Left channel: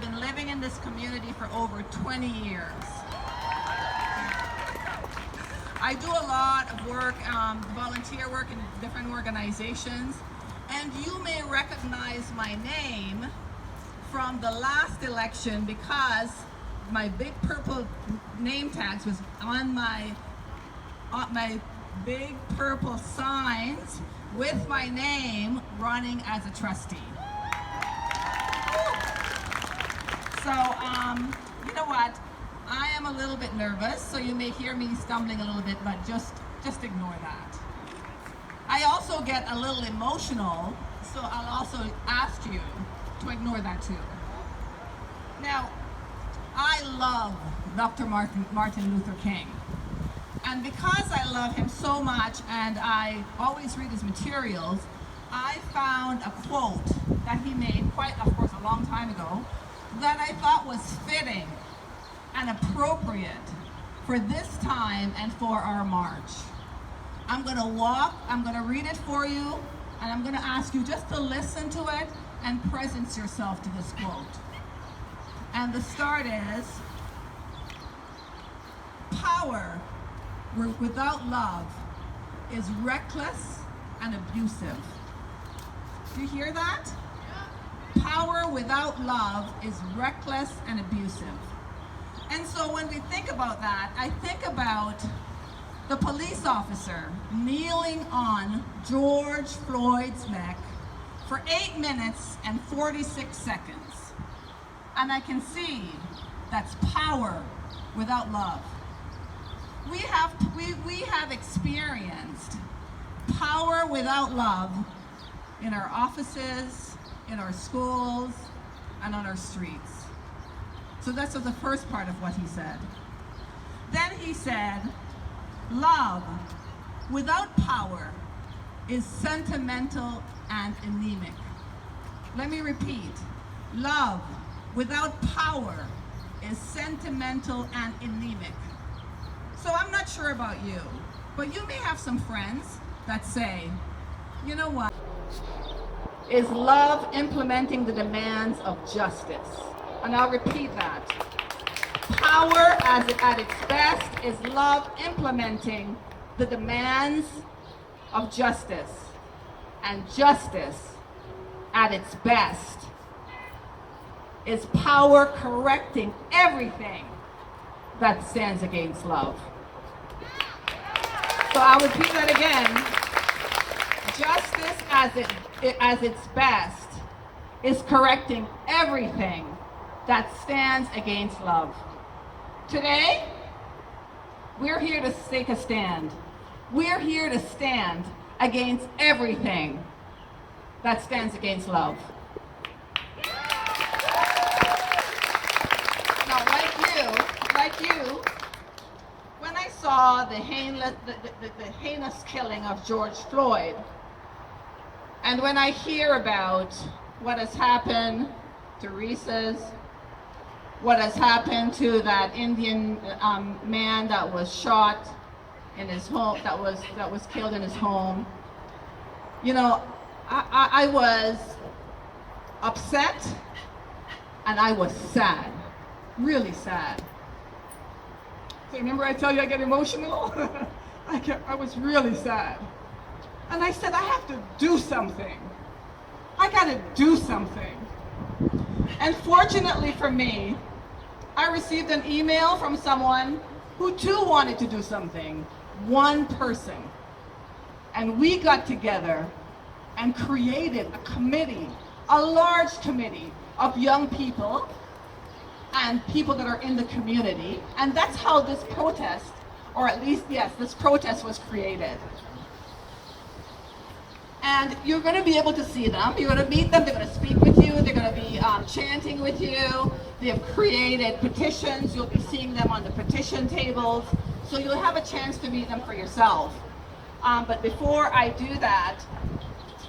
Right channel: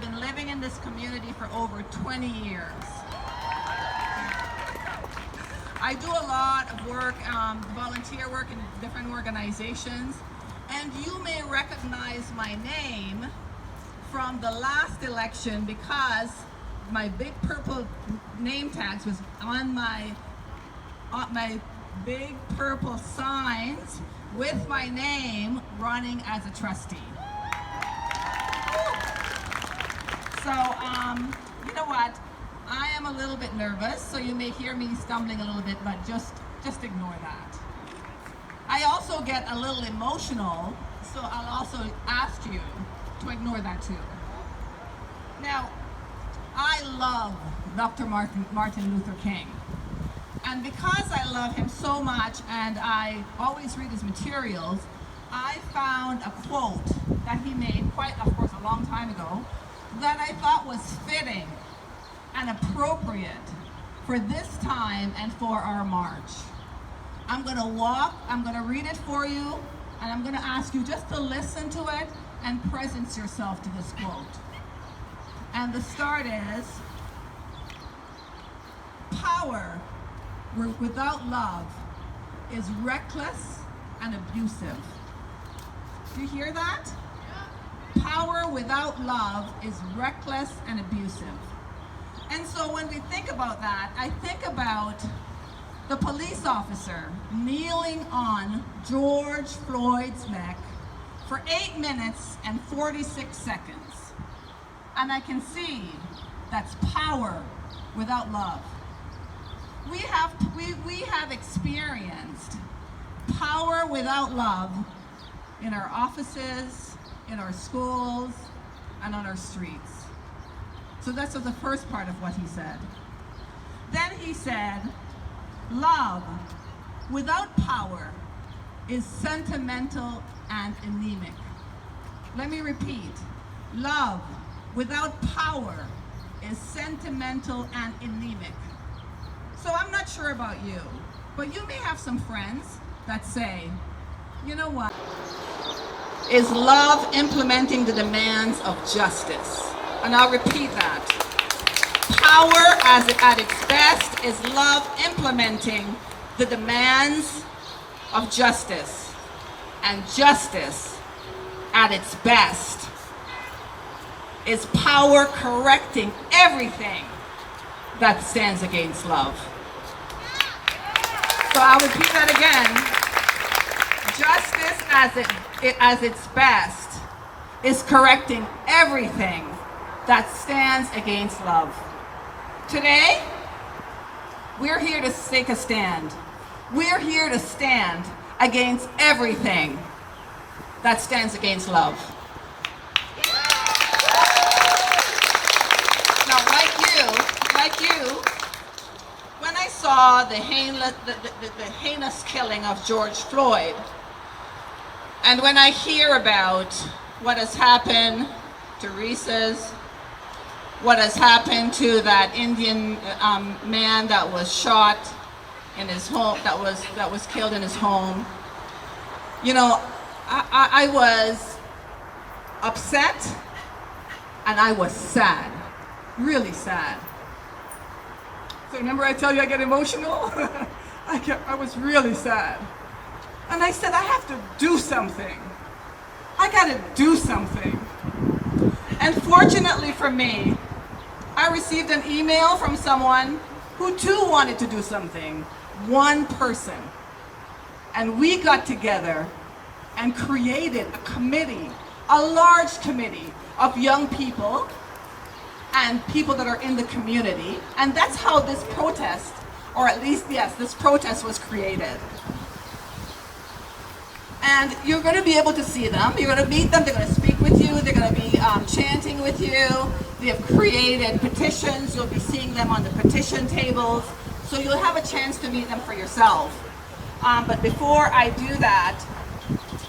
have been living in this community for over 20 years. I do a lot of work, volunteer work in different organizations, and you may recognize my name from the last election because my big purple name tags was on my big purple signs with my name running as a trustee. So, you know what? I am a little bit nervous, so you may hear me stumbling a little bit, but just ignore that. I also get a little emotional, so I'll also ask you to ignore that too. Now, I love Dr. Martin Luther King. And because I love him so much and I always read his materials, I found a quote that he made quite, of course, a long time ago that I thought was fitting and appropriate for this time and for our march. I'm going to read it for you, and I'm going to ask you just to listen to it and presence yourself to this quote. And the start is, power without love is reckless and abusive. Do you hear that? Power without love is reckless and abusive. And so when we think about that, I think about the police officer kneeling on George Floyd's neck for 8 minutes and 46 seconds. And I can see that's power without love. We have experienced power without love in our offices, in our schools, and on our streets. So that's the first part of what he said. Then he said, love without power is sentimental and anemic. Let me repeat. Love without power is sentimental and anemic. So I'm not sure about you, but you may have some friends that say, you know what? Is love implementing the demands of justice? And I'll repeat that. Power at its best is love implementing the demands of justice. And justice at its best is power correcting everything that stands against love. So I'll repeat that again. Justice as its best is correcting everything that stands against love. Today, we're here to take a stand. We're here to stand against everything that stands against love. Now, like you, when I saw the heinous killing of George Floyd, and when I hear about what has happened to Reese's, what has happened to that Indian man that was shot in his home, that was killed in his home, you know, I was upset and I was sad, really sad. So remember I tell you I get emotional? I was really sad. And I said, I have to do something. I gotta do something. And fortunately for me, I received an email from someone who too wanted to do something. One person. And we got together and created a committee, a large committee of young people and people that are in the community. And that's how this protest, or at least, yes, this protest was created. And you're going to be able to see them. You're going to meet them. They're going to speak with you. They're going to be chanting with you. They have created petitions. You'll be seeing them on the petition tables. So you'll have a chance to meet them for yourself. But before I do that,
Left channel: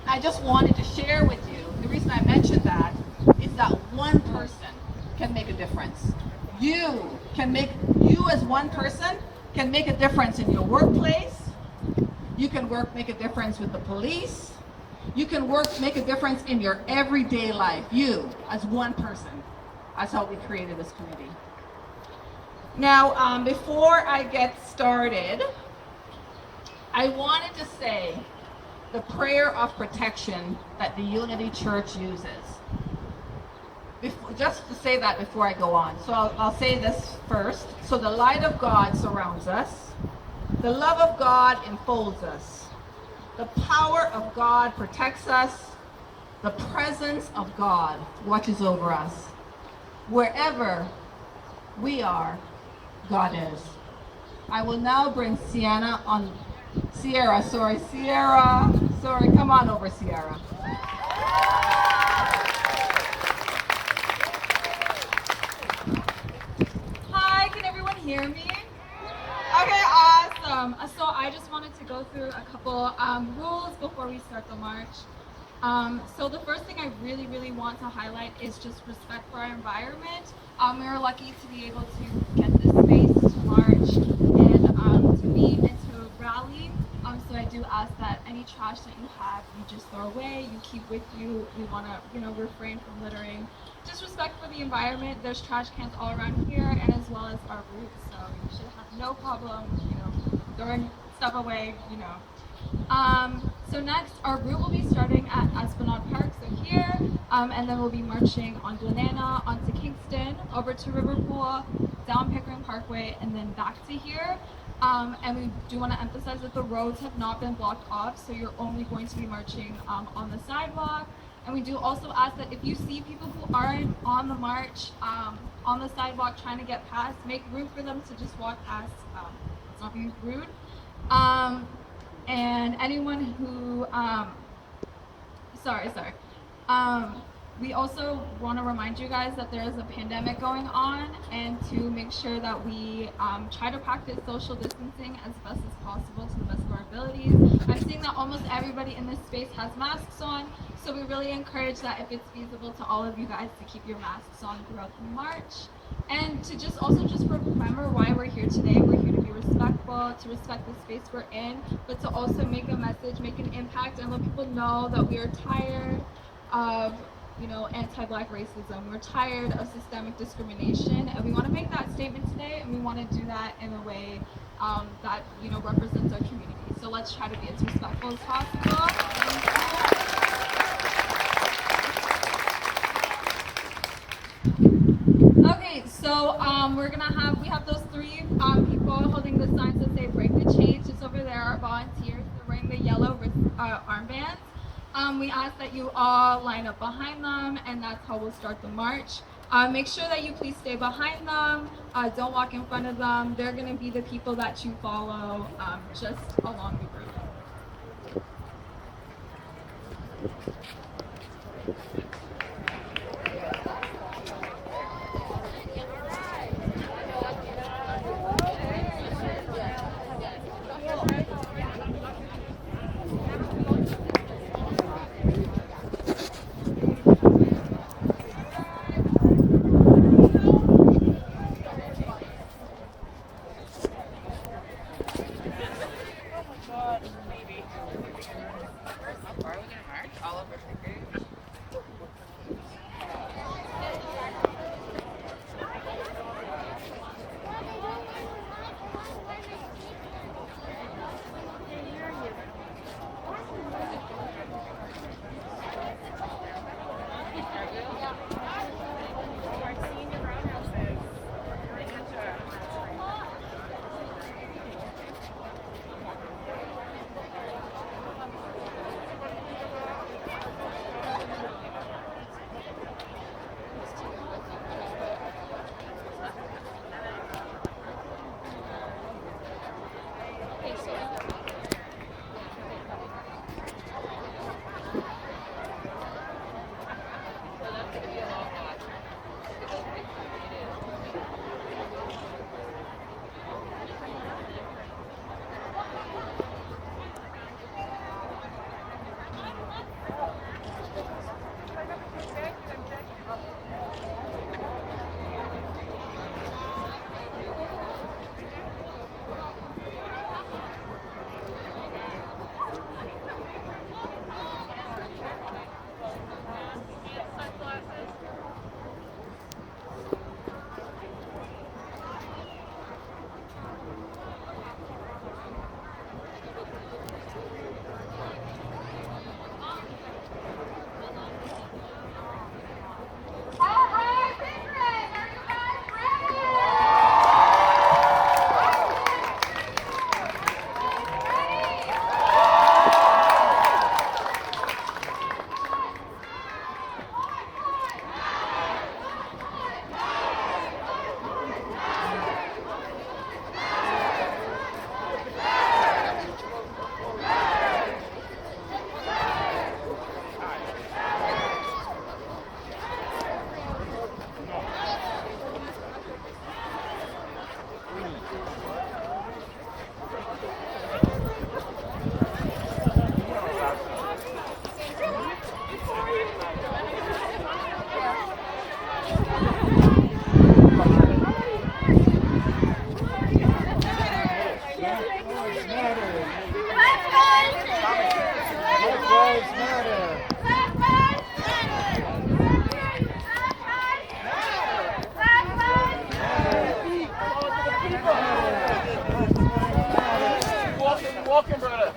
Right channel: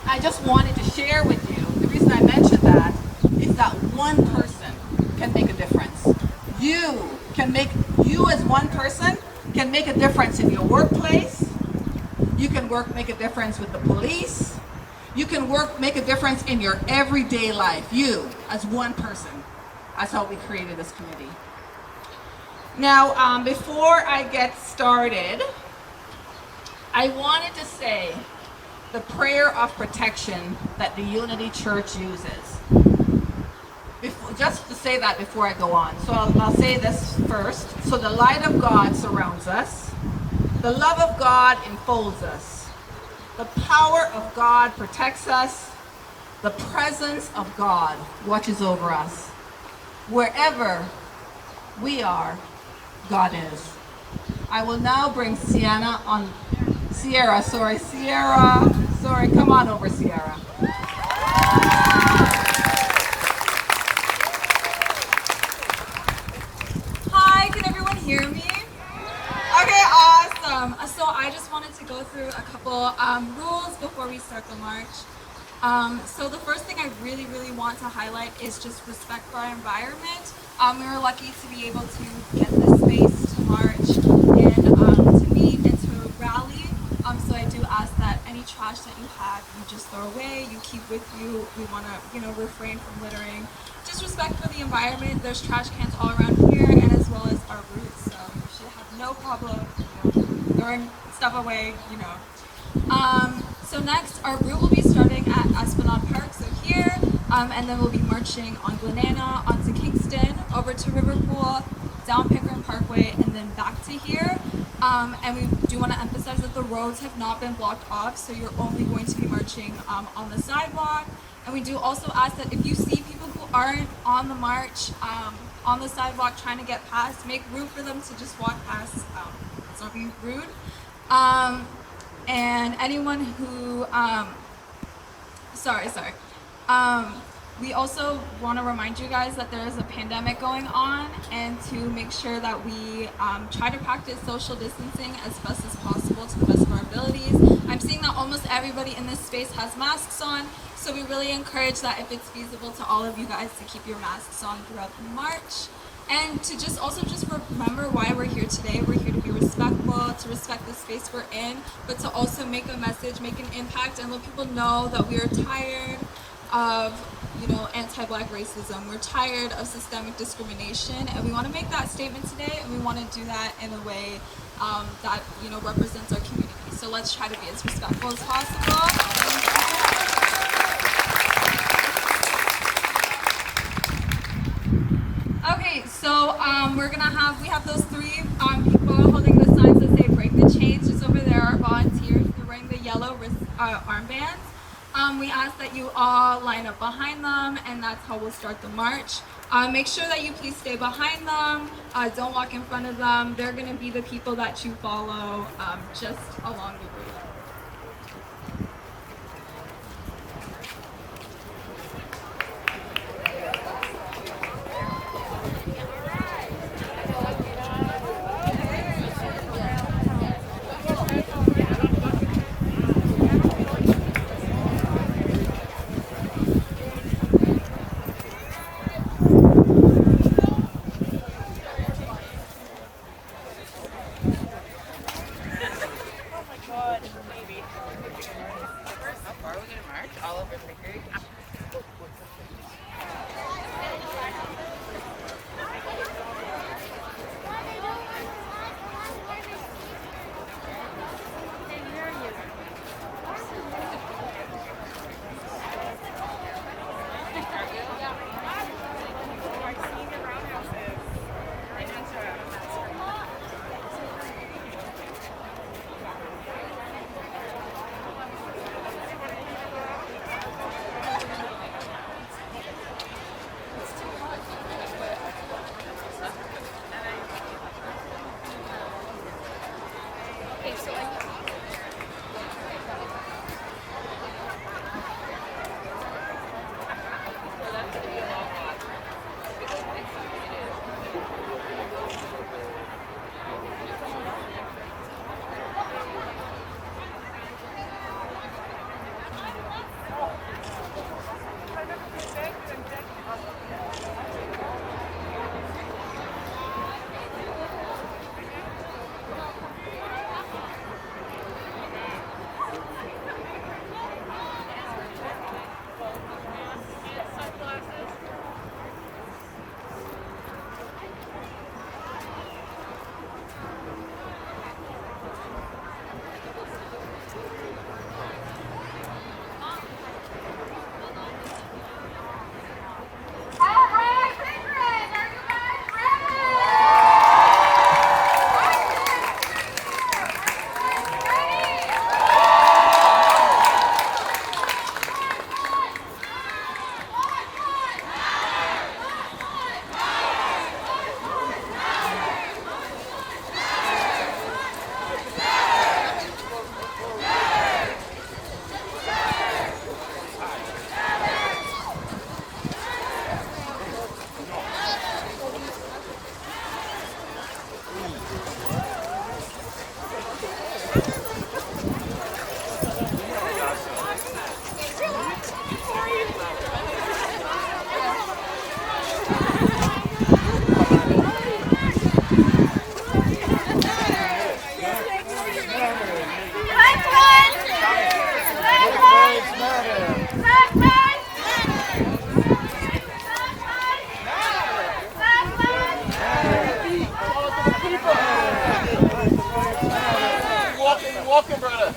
I just wanted to share with you, the reason I mentioned that is that one person can make a difference. You as one person can make a difference in your workplace. You can make a difference with the police. You can make a difference in your everyday life. You, as one person. That's how we created this committee. Now, before I get started, I wanted to say the prayer of protection that the Unity Church uses. Just to say that before I go on. So I'll say this first. So the light of God surrounds us. The love of God enfolds us. The power of God protects us. The presence of God watches over us. Wherever we are, God is. I will now bring Sierra, come on over, Sierra. Hi, can everyone hear me? Okay, awesome. So I just wanted to go through a couple rules before we start the march. So the first thing I really want to highlight is just respect for our environment. We were lucky to be able to get this space to march and to meet and to rally. So I do ask that any trash that you have, you just throw away, you keep with you. We want to, refrain from littering. Just respect for the environment. There's trash cans all around here, and as well as our routes. So you should have no problem, throwing stuff away, So next, our route will be starting at Esplanade Park, so here, and then we'll be marching on Glenana, onto Kingston, over to Riverpool, down Pickering Parkway, and then back to here. And we do want to emphasize that the roads have not been blocked off, so you're only going to be marching on the sidewalk. And we do also ask that if you see people who aren't on the march, on the sidewalk trying to get past, make room for them to just walk past. It's not being rude. And anyone who, we also want to remind you guys that there is a pandemic going on, and to make sure that we try to practice social distancing as best as possible to the best of our abilities. I'm seeing that almost everybody in this space has masks on, so we really encourage that if it's feasible to all of you guys to keep your masks on throughout the march. And to just remember why we're here today. We're here to be respectful, to respect the space we're in, but to also make a message, make an impact, and let people know that we are tired of anti-Black racism. We're tired of systemic discrimination, and we want to make that statement today, and we want to do that in a way that represents our community. So let's try to be as respectful as possible. Okay, so we have those three people holding the signs that say "Break the Chains." Just over there are volunteers. They're wearing the yellow wrist armbands. We ask that you all line up behind them, and that's how we'll start the march. Make sure that you please stay behind them. Don't walk in front of them. They're going to be the people that you follow just along the route. walking, brother.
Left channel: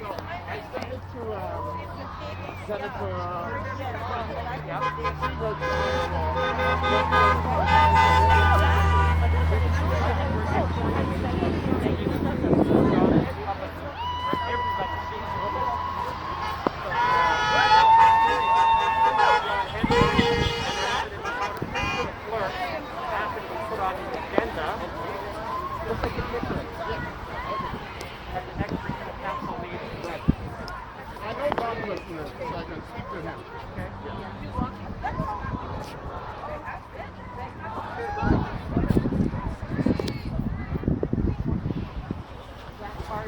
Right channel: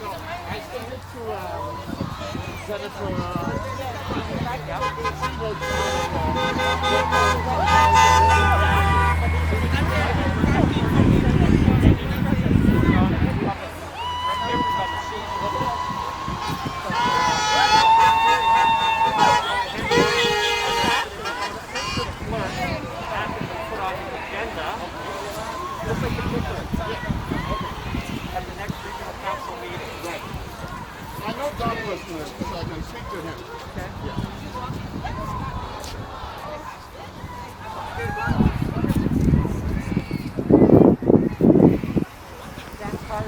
I sent it to Senator. Put on the agenda. Look at the picture. At the next regional council meeting. I know Bob was here, so I can speak to him. Okay? That part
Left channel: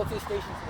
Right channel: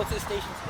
Go to the station.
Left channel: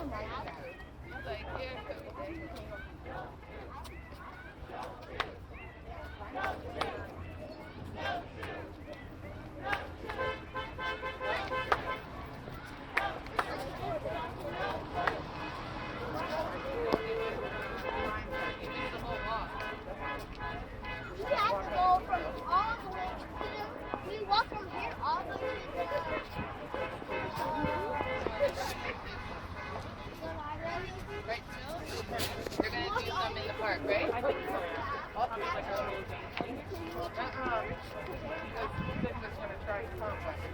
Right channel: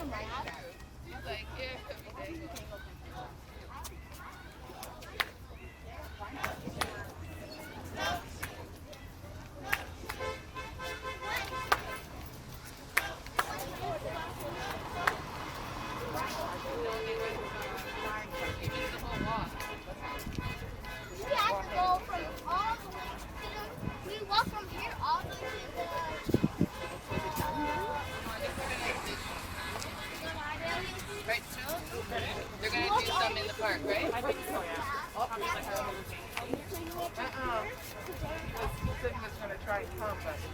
We have to go from all the way to we walk from here all the way to the Right, they're gonna do some in the park, right? I think so, yeah. Because school thing is gonna try and contact you.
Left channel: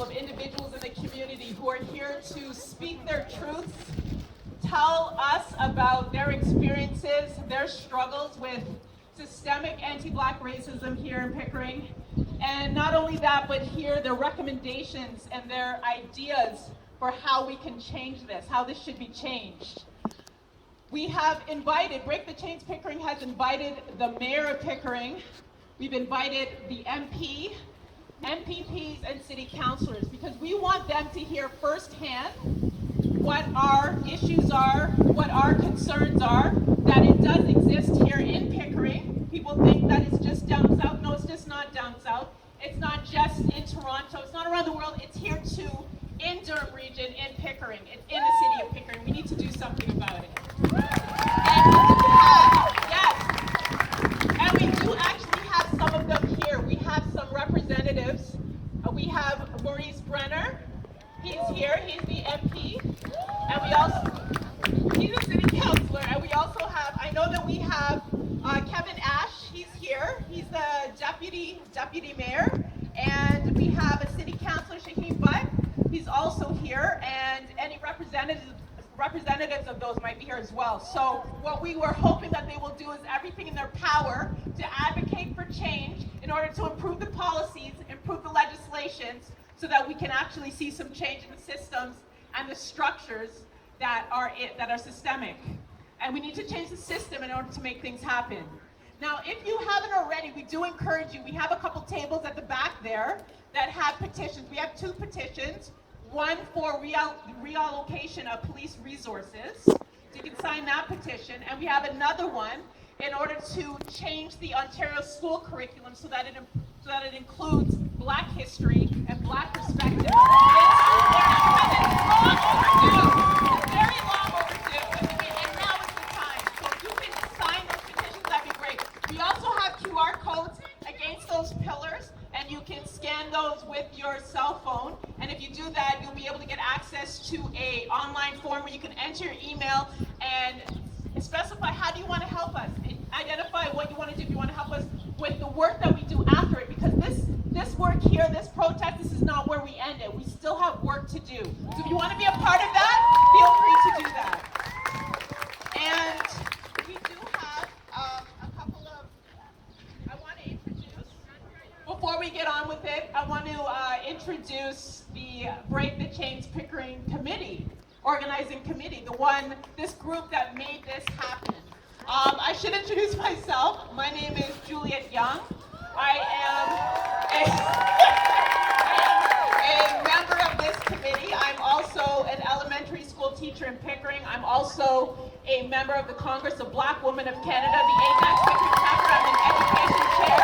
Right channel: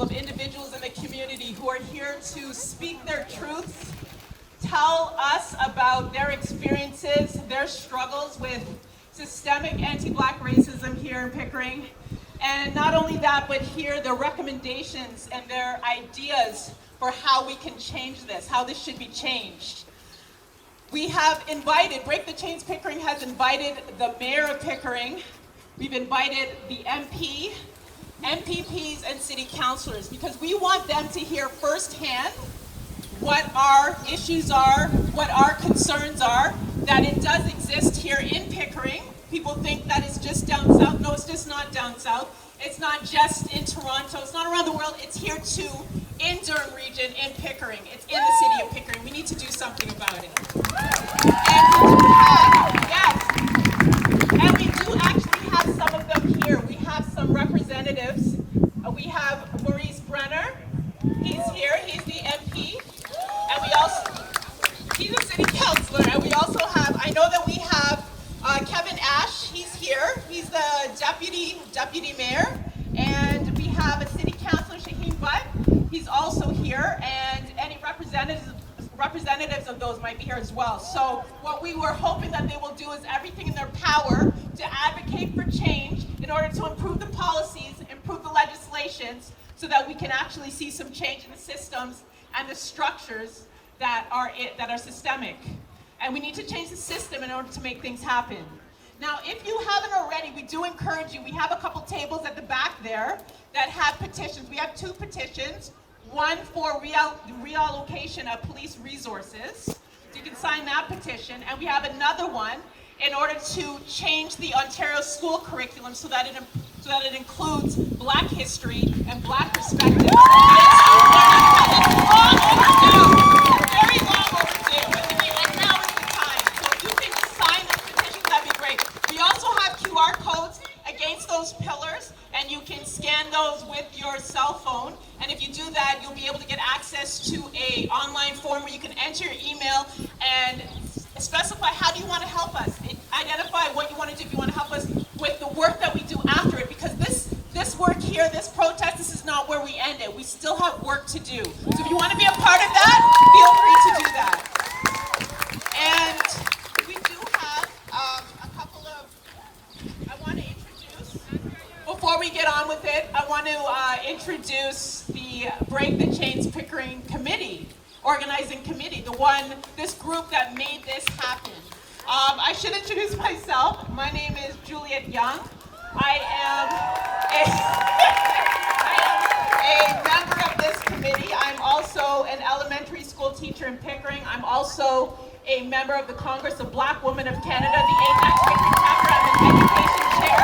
Of individuals in the community who are here to speak their truths, tell us about their experiences, their struggles with systemic anti-Black racism here in Pickering. And not only that, but hear their recommendations and their ideas for how we can change this, how this should be changed. We have invited, Break the Chains Pickering has invited the mayor of Pickering. We've invited the MP, MPPs, and city councilors, because we want them to hear firsthand what our issues are, what our concerns are, that it does exist here in Pickering. People think that it's just down south. No, it's just not down south. It's not just in Toronto. It's not around the world. It's here too, in Durham region, in Pickering. It's in the city of Pickering. We need to do something about it. And we do have, yes, and we do actually have some of them here. We have some representatives. We have Maurice Brenner. He's here. He's the MP. And we also, he's a city councilor. And we also have, I know that we have Kevin Ash. He's here. He's the deputy mayor. And we have a city councilor, Shaheem Butt. He's also here. And any representatives of those might be here as well. So what we were hoping that they will do is everything in their power to advocate for change in order to improve the policies, improve the legislations, so that we can actually see some change in the systems and the structures that are systemic. And we need to change the system in order to make things happen. Now, if you haven't already, we do encourage you. We have a couple tables at the back there that have petitions. We have 2 petitions. One for reallocation of police resources. So you can sign that petition. And we have another one in order to change the Ontario school curriculum so that it so that it includes Black history and Black perspectives in school learning, because it's long overdue, very long overdue, and now is the time. So if you can sign those petitions, that'd be great. We also have QR codes against those pillars, and you can scan those with your cell phone. And if you do that, you'll be able to get access to an online form where you can enter your email and specify how do you want to help us. Identify what you want to do if you want to help us with the work that we do after it, because this work here, this protest, this is not where we end it. We still have work to do. So if you want to be a part of that, feel free to do that. And we do have a couple of, I want to introduce, before we get on with it, I want to introduce the Break the Chains Pickering Committee, organizing committee, this group that made this happen. I should introduce myself. My name is Juliet Young. I am a member of this committee. I'm also an elementary school teacher in Pickering. I'm also a member of the Congress of Black Women of Canada, the APAC Pickering chapter. I'm an education chair.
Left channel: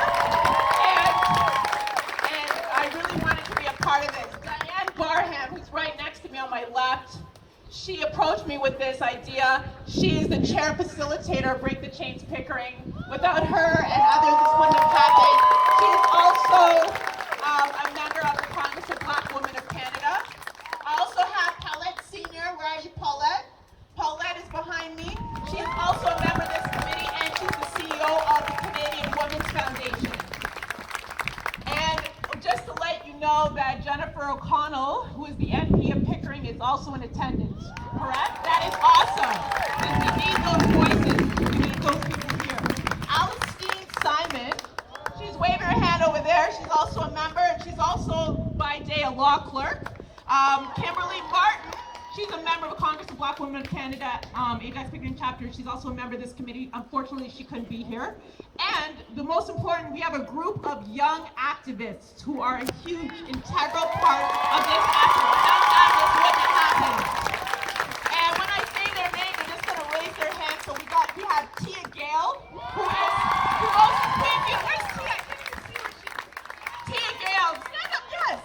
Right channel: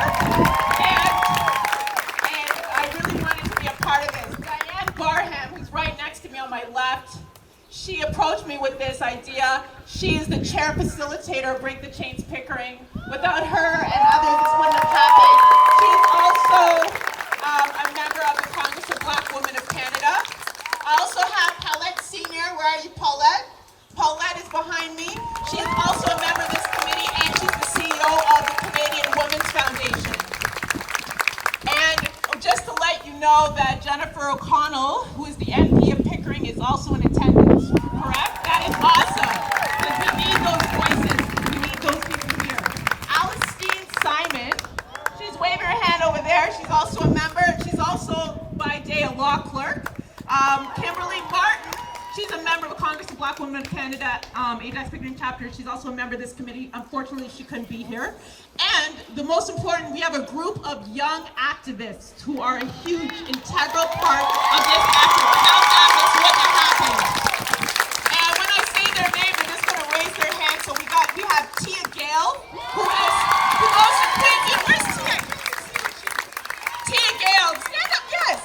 And I really wanted to be a part of this. Diane Barham, who's right next to me on my left, she approached me with this idea. She is the chair facilitator of Break the Chains Pickering. Without her and others, this wouldn't have happened. She is also a member of the Congress of Black Women of Canada. I also have Paulette Senior. Where are you, Paulette? Paulette is behind me. She is also a member of this committee, and she's the CEO of the Canadian Women's Foundation. And just to let you know that Jennifer O'Connell, who is the MP of Pickering, is also in attendance, correct? That is awesome, because we need those voices. We need those people here. Alistine Simon, she's waving her hand over there. She's also a member. She's also, by day, a law clerk. Kimberly Martin, she's a member of the Congress of Black Women of Canada, AJAX Pickering chapter. She's also a member of this committee. Unfortunately, she couldn't be here. And the most important, we have a group of young activists who are a huge, integral part of this effort. Without them, this wouldn't have happened. And when I say their name, they're just going to raise their hand. So we have Tia Gale, who goes to Queen's. Where's Tia? Tia Gale, stand up, yes.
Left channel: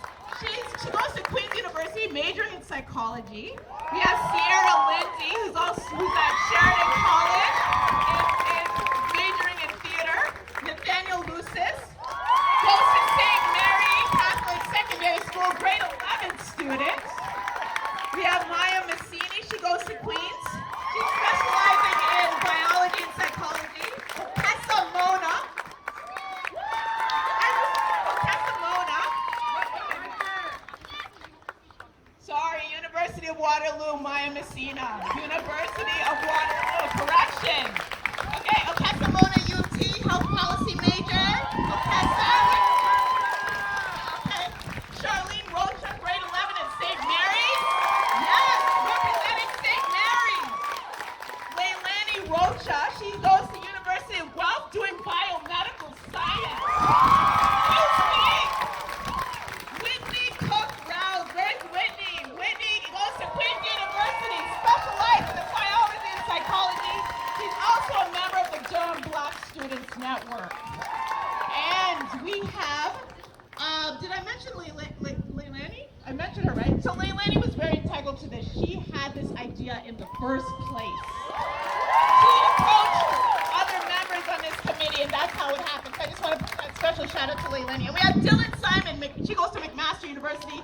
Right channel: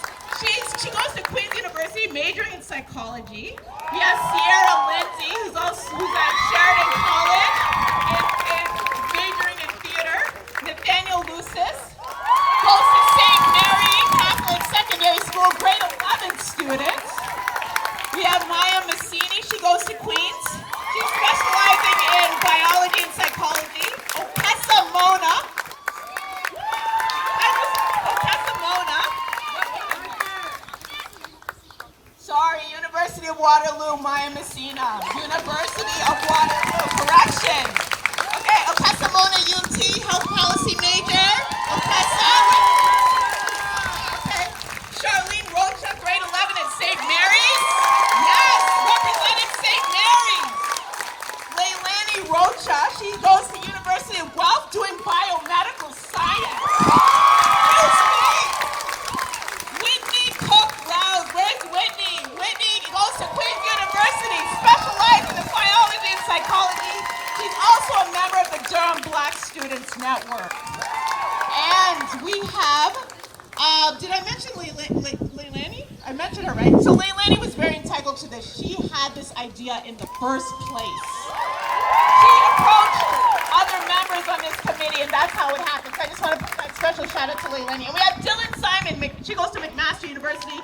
She goes to Queen's University, majoring in psychology. We have Sierra Lindsay, who's at Sheridan College, and majoring in theater. Nathaniel Lucis goes to St. Mary Catholic Secondary School, grade 11 student. We have Maya Massini. She goes to Queen's. She's specializing in biology and psychology. Okesa Mona. Sorry, University of Waterloo, Maya Messina. University of Waterloo, correction. Okay, Okesa Mona, UT, health policy major. Okesa. Okay, Charlene Rocha, grade 11 at St. Mary's. Yes, representing St. Mary's. Leilani Rocha, she goes to University of Guelph doing biomedical science. Whitney Cook Rouse, where's Whitney? Whitney goes to Queen's University, specializing in biology and psychology. She's also a member of the Durham Black Students Network. And we have, did I mention Leilani? I mentioned her, right? So Leilani was very integral to this. She had this idea in the first place. She approached other members on this committee, and that's how it happened. So I just want to put a special shout out to Leilani. And we have Dylan Simon. She goes to McMaster University.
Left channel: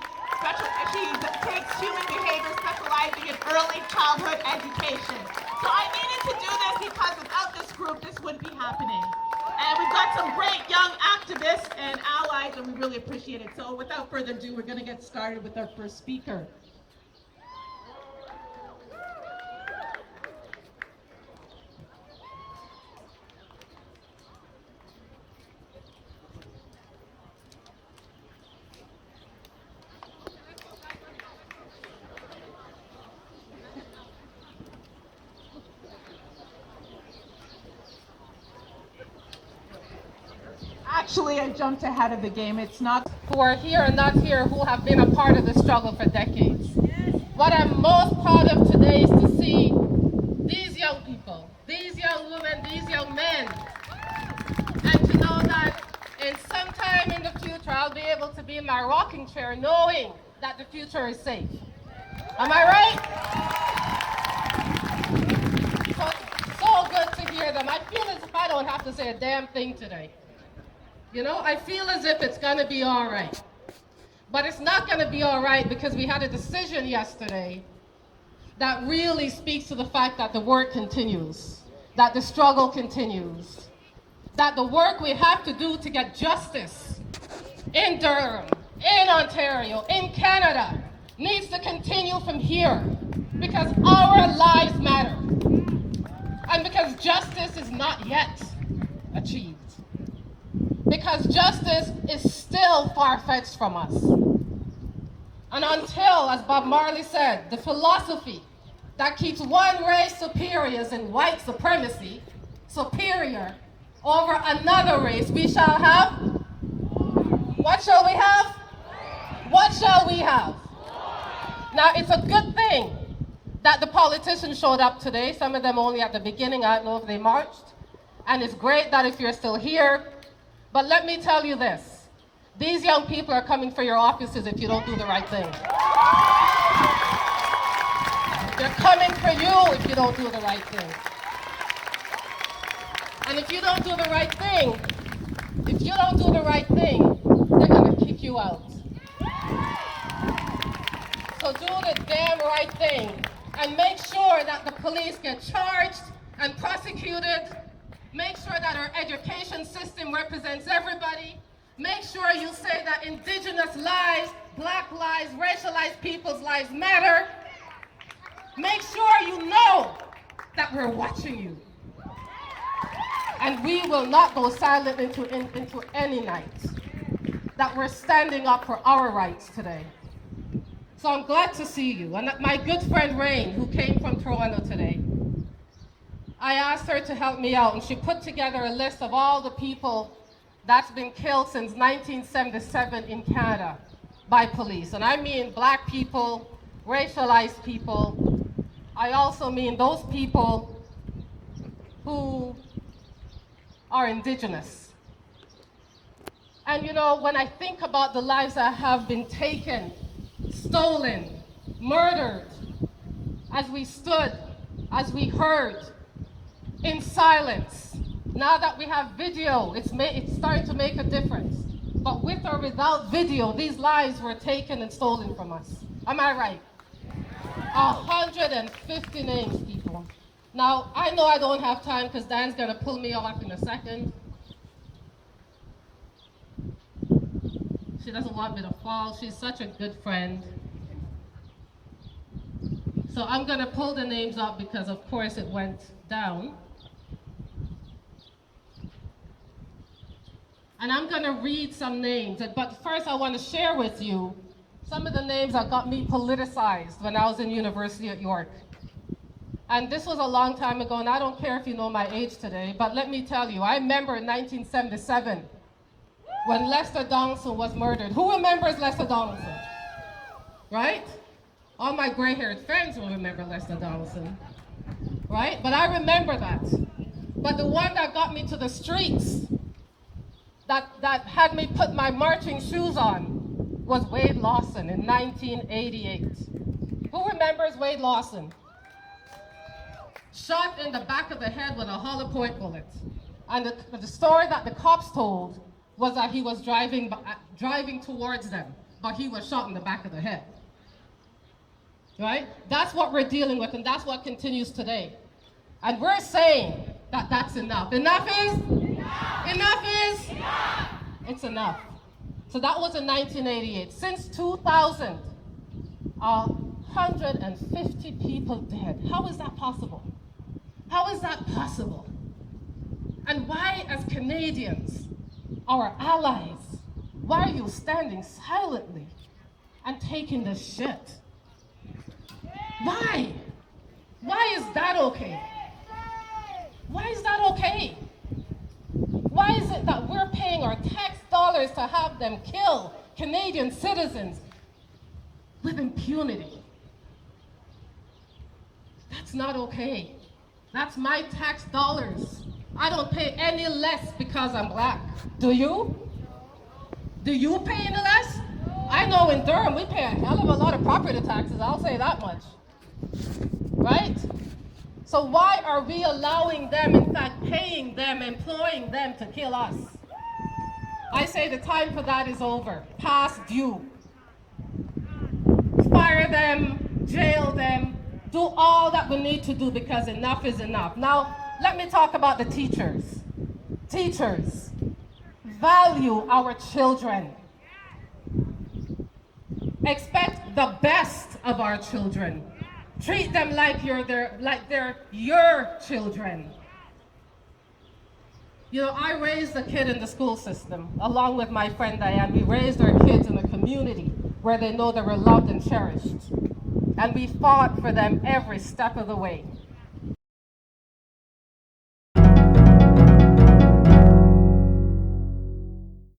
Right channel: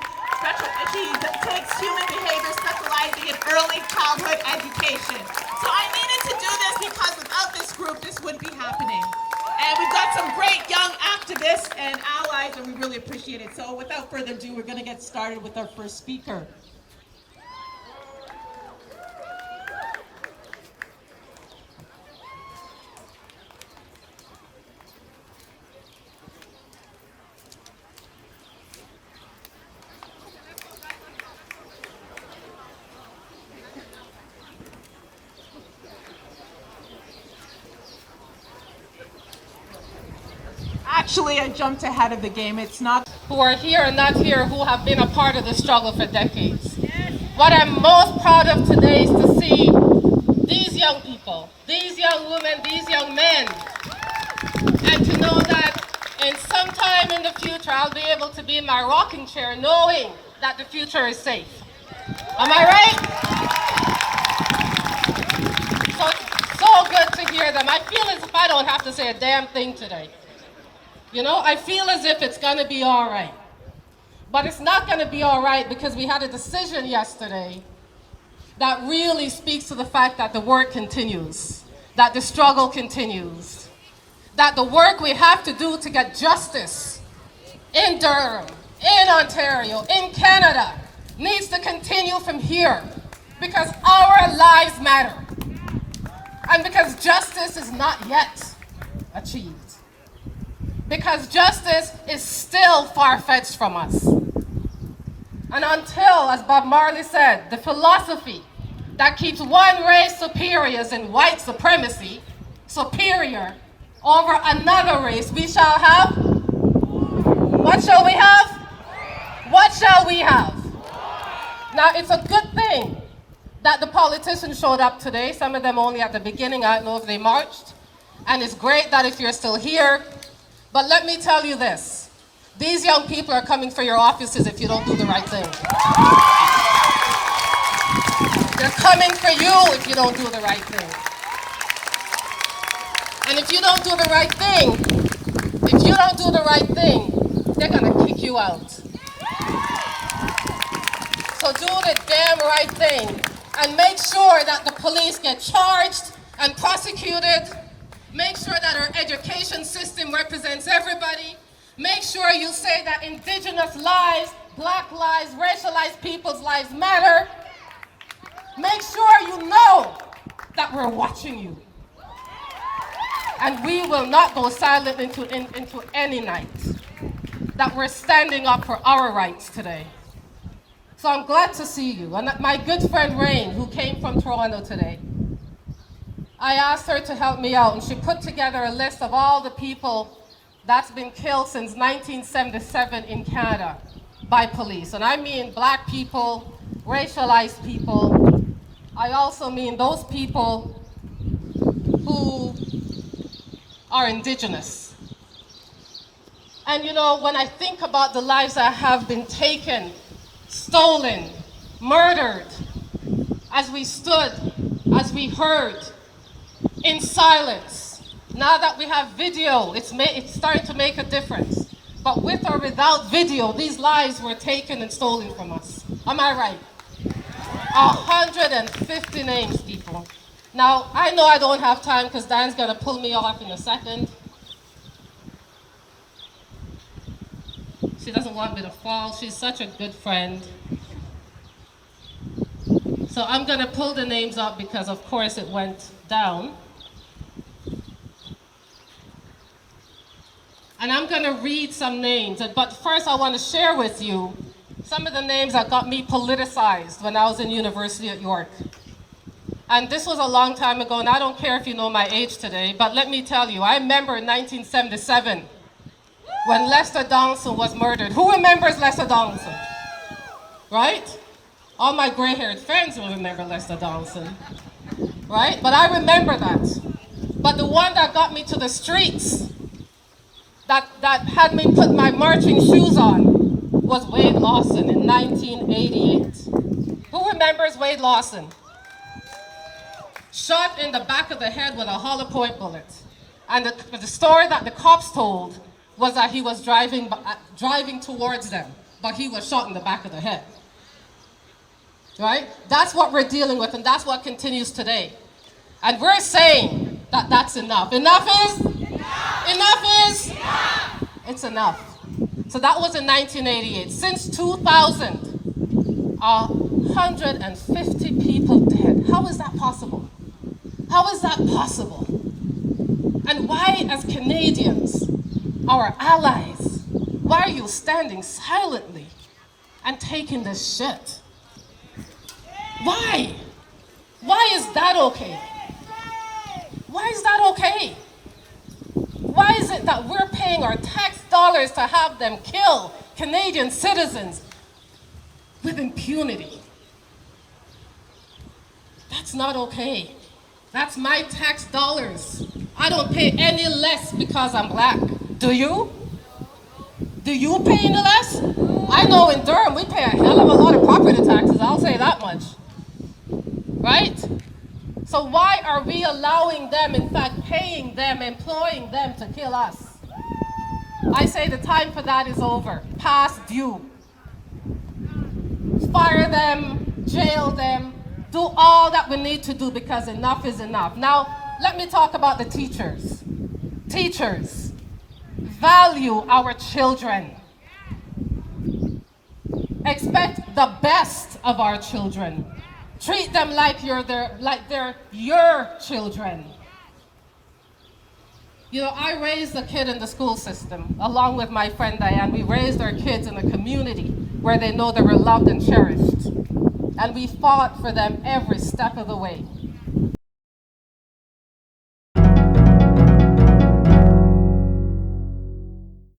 She takes human behavior, specializing in early childhood education. So I needed to do this because without this group, this wouldn't be happening. And we've got some great young activists and allies, and we really appreciate it. So without further ado, we're going to get started with our first speaker. Actually, I jumped ahead of the game. It's not who are here and not here, who have been a part of the struggle for decades. What I'm most proud of today is to see these young people, these young women, these young men, and to know that And sometime in the future, I'll be able to be in my rocking chair knowing that the future is safe. Am I right? So it's so good to hear them. I feel as if I don't have to say a damn thing today. You know, I feel as if it's going to be all right. But it's not going to be all right because we had a decision yesterday that really speaks to the fact that the work continues, that the struggle continues, that the work we have to do to get justice in Durham, in Ontario, in Canada, needs to continue from here because our lives matter and because justice is not yet achieved. Because justice is still far-fetched from us. And until, as Bob Marley said, the philosophy that keeps one race superior in white supremacy, superior over another race, we shall have, what shall we have? What shall we have? Now, it's a good thing that the politicians showed up today, some of them only at the beginning, I don't know if they marched, and it's great that if you're still here, but let me tell you this, these young people are coming for your offices if you don't do the right thing. They're coming for you if you don't do the right thing. And if you don't do the right thing, they're gonna kick you out. So do the damn right thing and make sure that the police get charged and prosecuted. Make sure that our education system represents everybody. Make sure you say that Indigenous lives, Black lives, racialized people's lives matter. Make sure you know that we're watching you. And we will not go silent into any night. That we're standing up for our rights today. So I'm glad to see you. And my good friend Rain, who came from Toronto today, I asked her to help me out, and she put together a list of all the people that's been killed since 1977 in Canada by police. And I mean Black people, racialized people. I also mean those people who are Indigenous. And you know, when I think about the lives that have been taken, stolen, murdered, as we stood, as we heard, in silence. Now that we have video, it's starting to make a difference. But with or without video, these lives were taken and stolen from us. Am I right? 150 names, people. Now, I know I don't have time because Dan's going to pull me off in a second. She doesn't want me to fall. She's such a good friend. So I'm going to pull the names up because, of course, it went down. And I'm going to read some names. But first, I want to share with you some of the names that got me politicized when I was in university at York. And this was a long time ago, and I don't care if you know my age today, but let me tell you, I remember in 1977 when Lester Donaldson was murdered. Who remembers Lester Donaldson? Right? All my gray-haired friends will remember Lester Donaldson. Right? But I remember that. But the one that got me to the streets, that had me put my marching shoes on, was Wade Lawson in 1988. Who remembers Wade Lawson? Shot in the back of the head with a hollow point bullet. And the story that the cops told was that he was driving towards them, but he was shot in the back of the head. Right? That's what we're dealing with, and that's what continues today. And we're saying that that's enough. Enough is? Enough. Enough is? Enough. It's enough. So that was in 1988. Since 2000, 150 people dead. How is that possible? How is that possible? And why, as Canadians, our allies, why are you standing silently and taking this shit? Why? Why is that okay? Why is that okay? Why is it that we're paying our tax dollars to have them kill Canadian citizens with impunity? That's not okay. That's my tax dollars. I don't pay any less because I'm Black. Do you? Do you pay any less? I know in Durham we pay a hell of a lot of property taxes, I'll say that much. Right? So why are we allowing them, in fact paying them, employing them to kill us? I say the time for that is over, past due. Fire them, jail them, do all that we need to do because enough is enough. Now, let me talk about the teachers. Teachers, value our children. Expect the best of our children. Treat them like they're your children. You know, I raised a kid in the school system, along with my friend Diane. We raised our kids in a community where they know they were loved and cherished. And we fought for them every step of the way.